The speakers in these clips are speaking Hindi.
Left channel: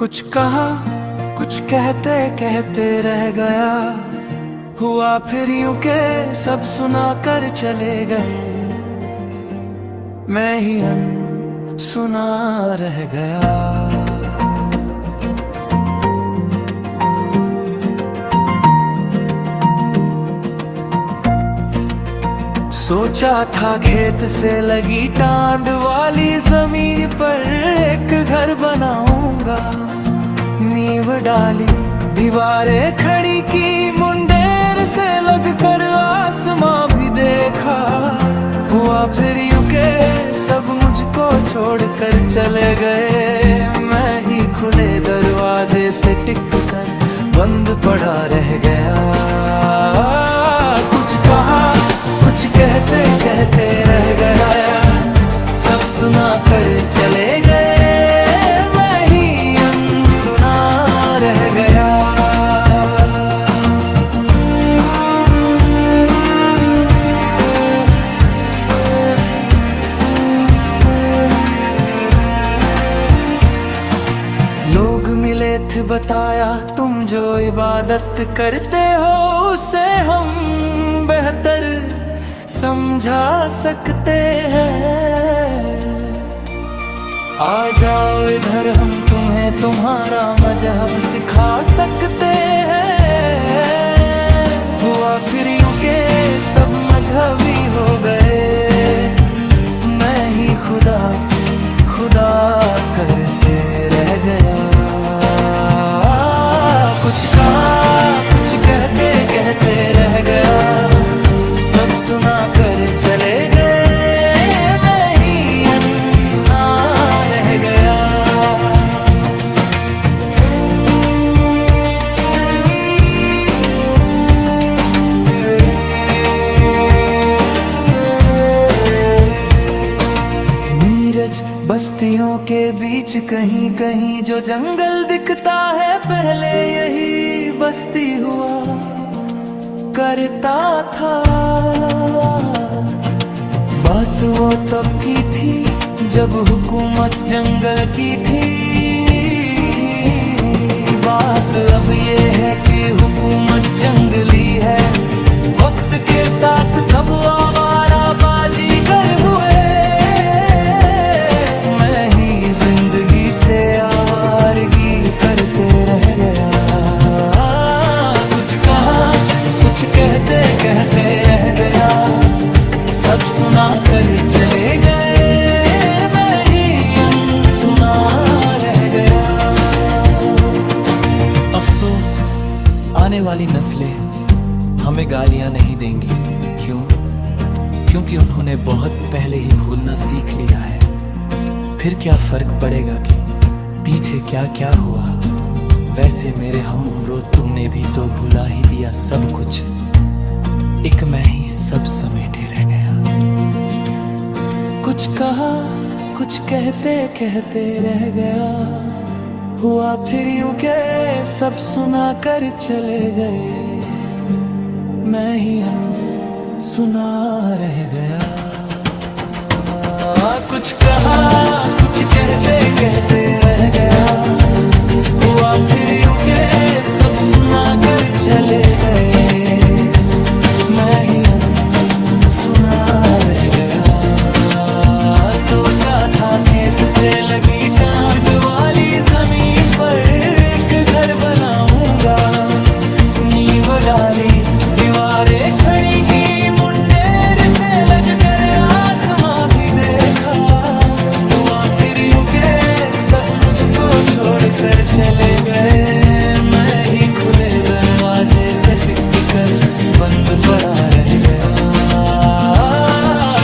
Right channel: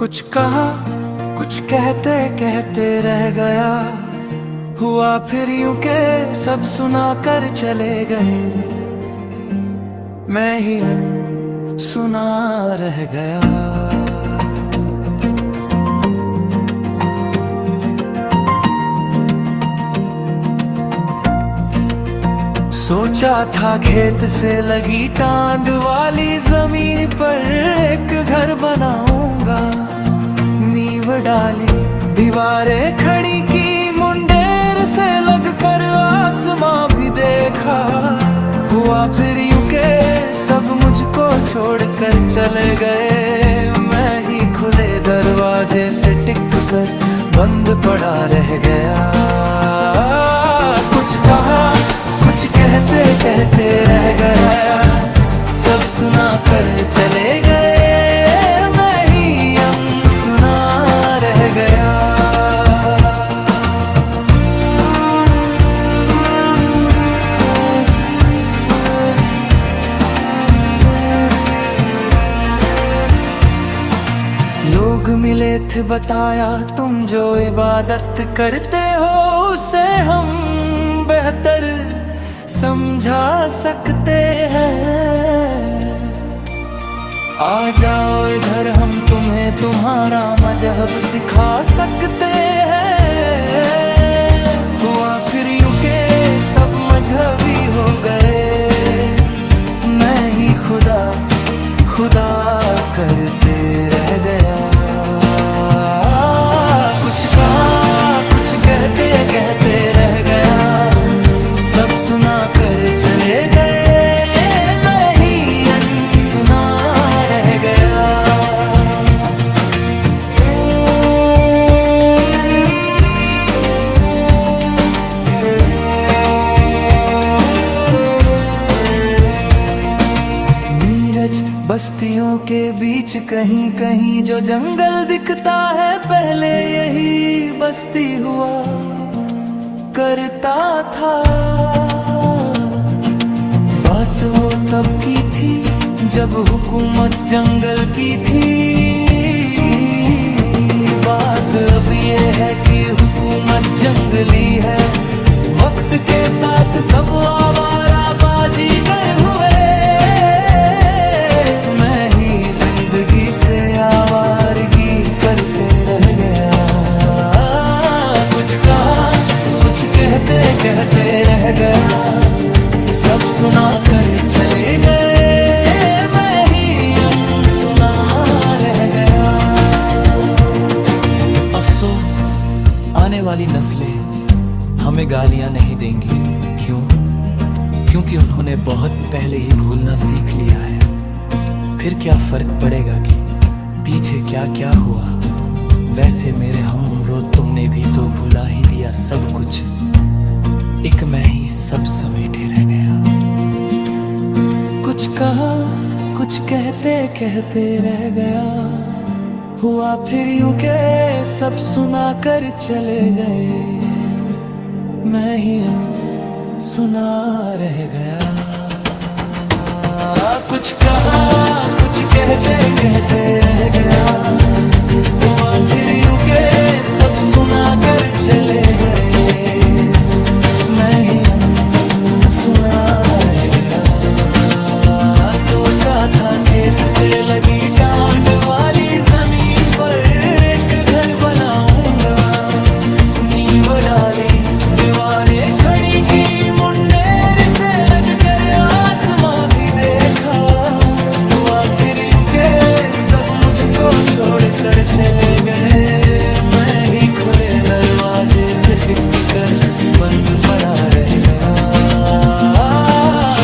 कुछ कहा, कुछ कहते कहते रह गया, हुआ फिर यूं के सब सुना कर चले गए, मैं ही सुना रह गया। सोचा था खेत से लगी टांड वाली जमीन पर एक घर बनाऊंगा, नींव डाली दीवारें खड़ी की, मुंडेर से लगकर आसमां भी देखा, हुआ फिर यूं के सब मुझको छोड़कर चले गए, मैं ही खुले दरवाजे से टिक कर बंद पड़ा रह गया। कुछ कहा, कुछ कहते कहते रह गया, सब सुना कर चले गए, मैं ही अनसुना रह गया। लोग मिले थे बताया, तुम जो इबादत करते हो उसे हम बेहतर समझा सकते हैं, आ जाओ इधर हम तुम्हें तुम्हारा मजहब सिखा सकते हैं। हुआ फिर यूं के सब मजहबी हो गए, मैं ही खुदा खुदा करते रह गया। कुछ कहा, कुछ कहते कहते रह गया, सब सुना कर चले गए, मैं ही अनसुना रह गया। नीरज बस्तियों के बीच कहीं कहीं जो जंगल दिखता है, पहले यही बस्ती हुआ करता था। बात वो तब की थी जब हुकूमत जंगल की थी, बात अब ये है कि हुकूमत जंगली है, वक्त के साथ सब आवारा बाजीगर हुए, मैं ही जिंदगी से आवारगी करते रह गया। कुछ कहा, कुछ कहते कहते रह गया, सब सुना कर चले गए, मैं ही अनसुना रह गया। अफसोस आने वाली नस्लें हमें गालियां नहीं देंगी, क्यों? क्योंकि उन्होंने बहुत पहले ही भूलना सीख लिया है। फिर क्या फर्क पड़ेगा कि पीछे क्या क्या हुआ, वैसे मेरे हम उम्रो तुमने भी तो भुला ही दिया सब कुछ, एक मैं ही सब समेटे रह गया। कुछ कहा, कुछ कहते कहते रह गया, हुआ फिर यूं के सब सुना कर चले गए, मैं ही सुना रह गया। कुछ कहा, कुछ कहते कहते रह गया, हुआ फिर यूं के सब सुना कर चले गए, मैं ही सुना रह गया। सोचा था खेत से लगी टांड वाली जमीन पर एक घर बनाऊंगा, नींव डाली दीवारें खड़ी की, मुंडेर से लगकर आसमां भी देखा, हुआ फिर यूं के सब मुझको छोड़कर चले गए, मैं ही खुले दरवाजे से टिक कर बंद पड़ा रह गया।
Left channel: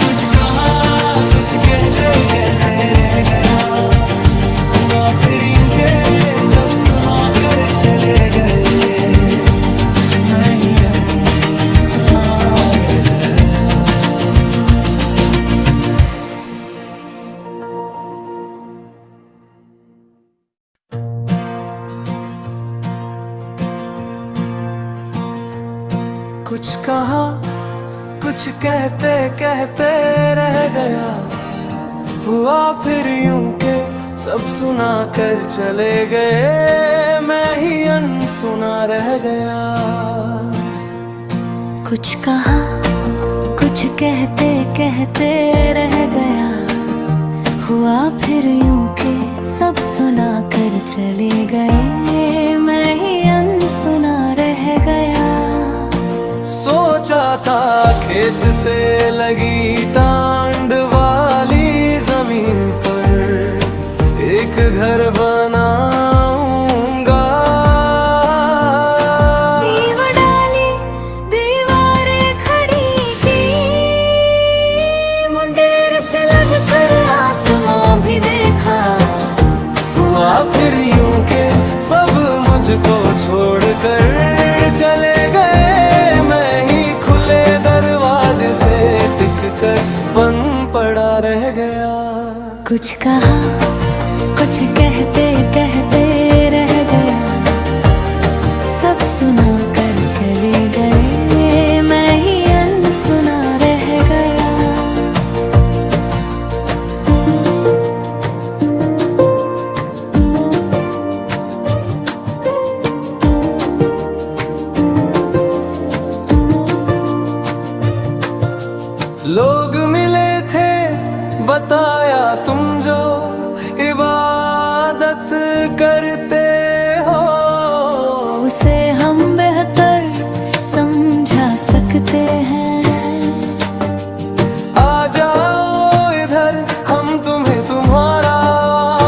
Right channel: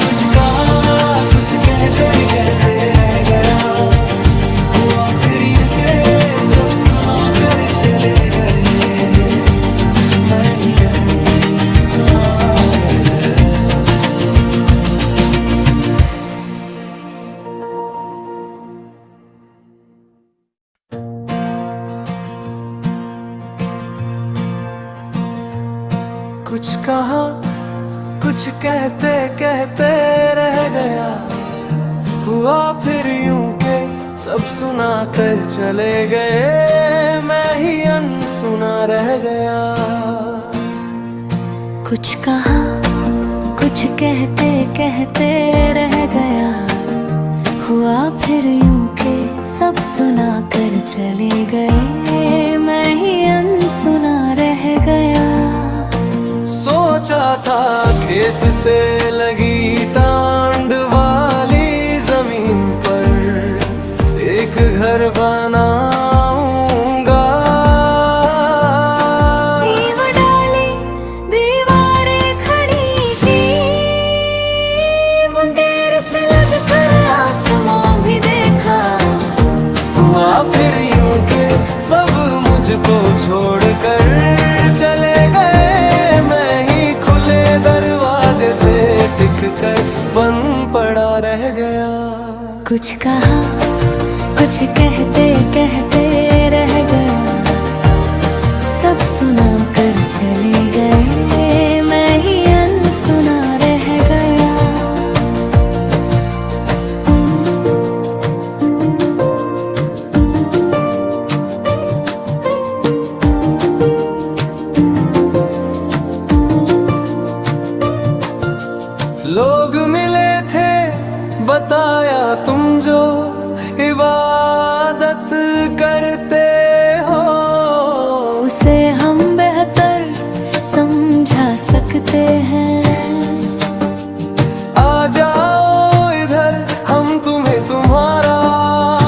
कुछ कहा, कुछ कहते कहते रह गया, हुआ फिर यूं के सब सुना कर चले गए, मैं ही सुना रह गया। कुछ कहा, कुछ कहते कहते रह गया, हुआ फिर यूं के सब सुना कर चले गए, मैं ही अनसुना रह गया। कुछ कहा, कुछ कहते कहते रह गया, हुआ फिर यूं के सब सुना कर चले गए, मैं ही अनसुना रह गया। सोचा था खेत से लगी टांड वाली जमीन पर एक घर बनाऊंगा। नींव डाली, दीवारें खड़ी की, मुंडेर से लगकर आसमां भी देखा। हुआ फिर यूं के सब मुझको छोड़कर चले गए, मैं ही खुले दरवाजे से टिक कर बंद पड़ा रह गया। कुछ कहा, कुछ कहते कहते रह गया, सब सुना कर चले गए, मैं ही अनसुना रह गया। लोग मिले थे बताया तुम जो इबादत करते हो, उसे हम बेहतर समझा सकते हैं। आ जाओ इधर हम तुम्हें तुम्हारा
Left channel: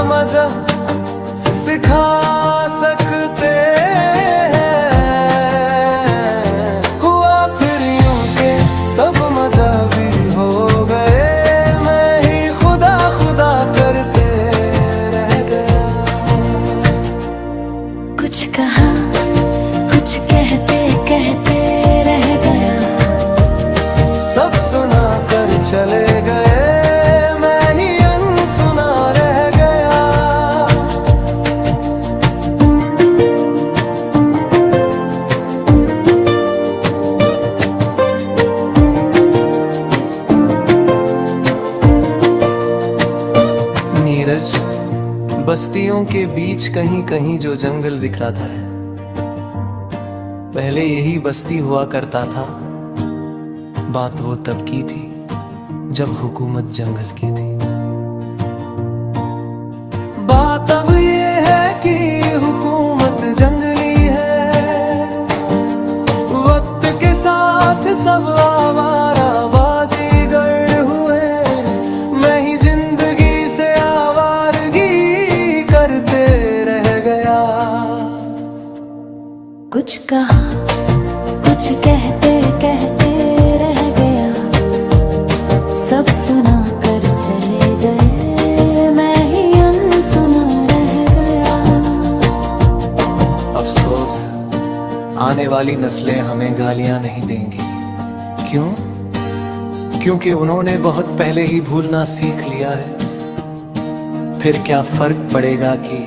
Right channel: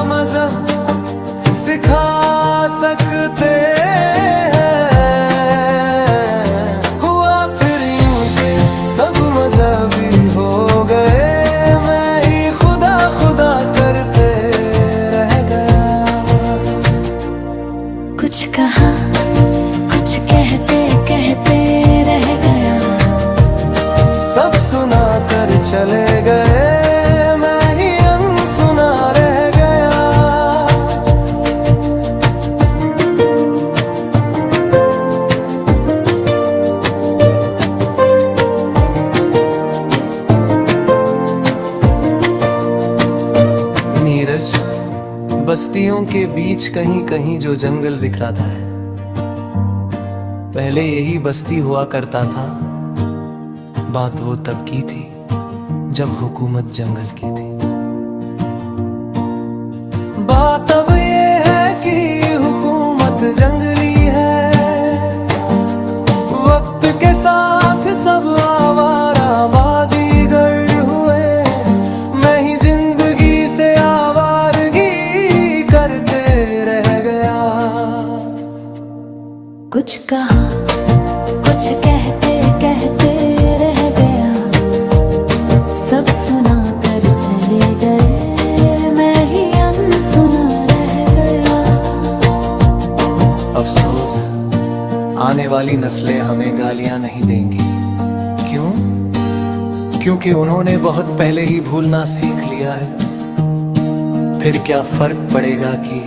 मजहब सिखा सकते हैं। हुआ फिर यूं के सब मजहबी हो गए, मैं ही खुदा खुदा करते रह गया। कुछ कहा, कुछ कहते कहते रह गया, सब सुना कर चले गए, मैं ही अनसुना रह गया। नीरज, बस्तियों के बीच कहीं कहीं जो जंगल दिख रहा था, पहले यही बस्ती हुआ करता था। बात वो तब की थी जब हुकूमत जंगल की थी। बात अब ये है कि हुकूमत जंगली है। वक्त के साथ सब आवारा बाजीगर हुए, मैं ही जिंदगी से आवारगी करते रह गया। कुछ कहा, कुछ कहते कहते रह गया, सब सुना कर चले गए, मैं ही अनसुना रह गया। अफसोस, आने वाली नस्लें हमें गालियां नहीं देंगी। क्यों? क्योंकि उन्होंने बहुत पहले ही भूलना सीख लिया है। फिर क्या फर्क पड़ेगा कि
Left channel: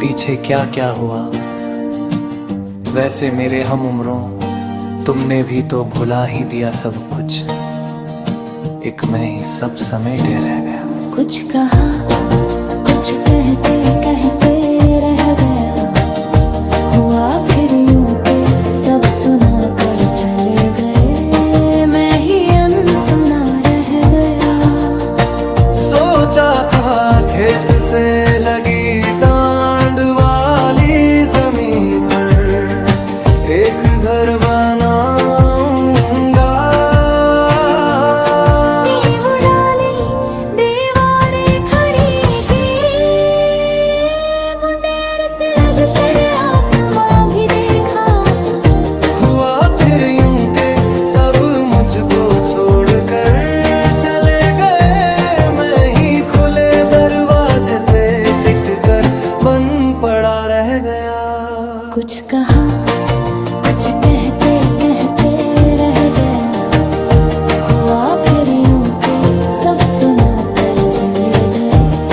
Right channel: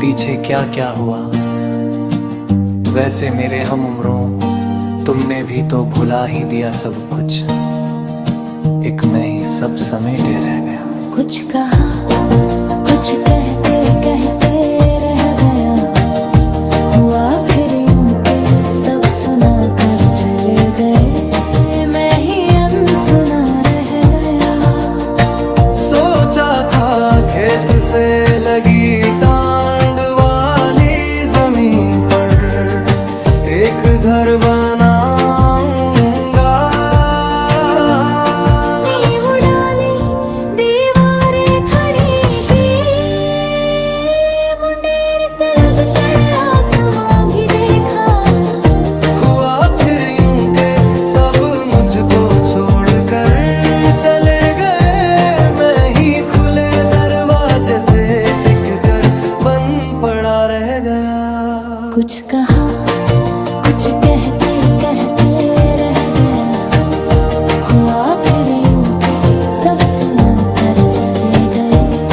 पीछे क्या क्या हुआ। वैसे मेरे हम उम्रों, तुमने भी तो भुला ही दिया सब कुछ, एक मैं ही सब समेटे रह गया। कुछ कहा, कुछ कहते कहते रह गया, हुआ फिर यूं के सब सुना कर चले गए, मैं ही अनसुना रह गया। सोचा था खेत से लगी टांड वाली जमीन पर एक घर बनाऊंगा। नींव डाली, दीवारें खड़ी की, मुंडेर से लगकर आसमां भी देखा। हुआ फिर यूं के सब मुझको छोड़कर चले गए, मैं ही खुले दरवाजे से टिक कर बंद पड़ा रह गया। कुछ कहा, कुछ कहते कहते रह गया, हुआ फिर यूं के सब सुना कर चले गए,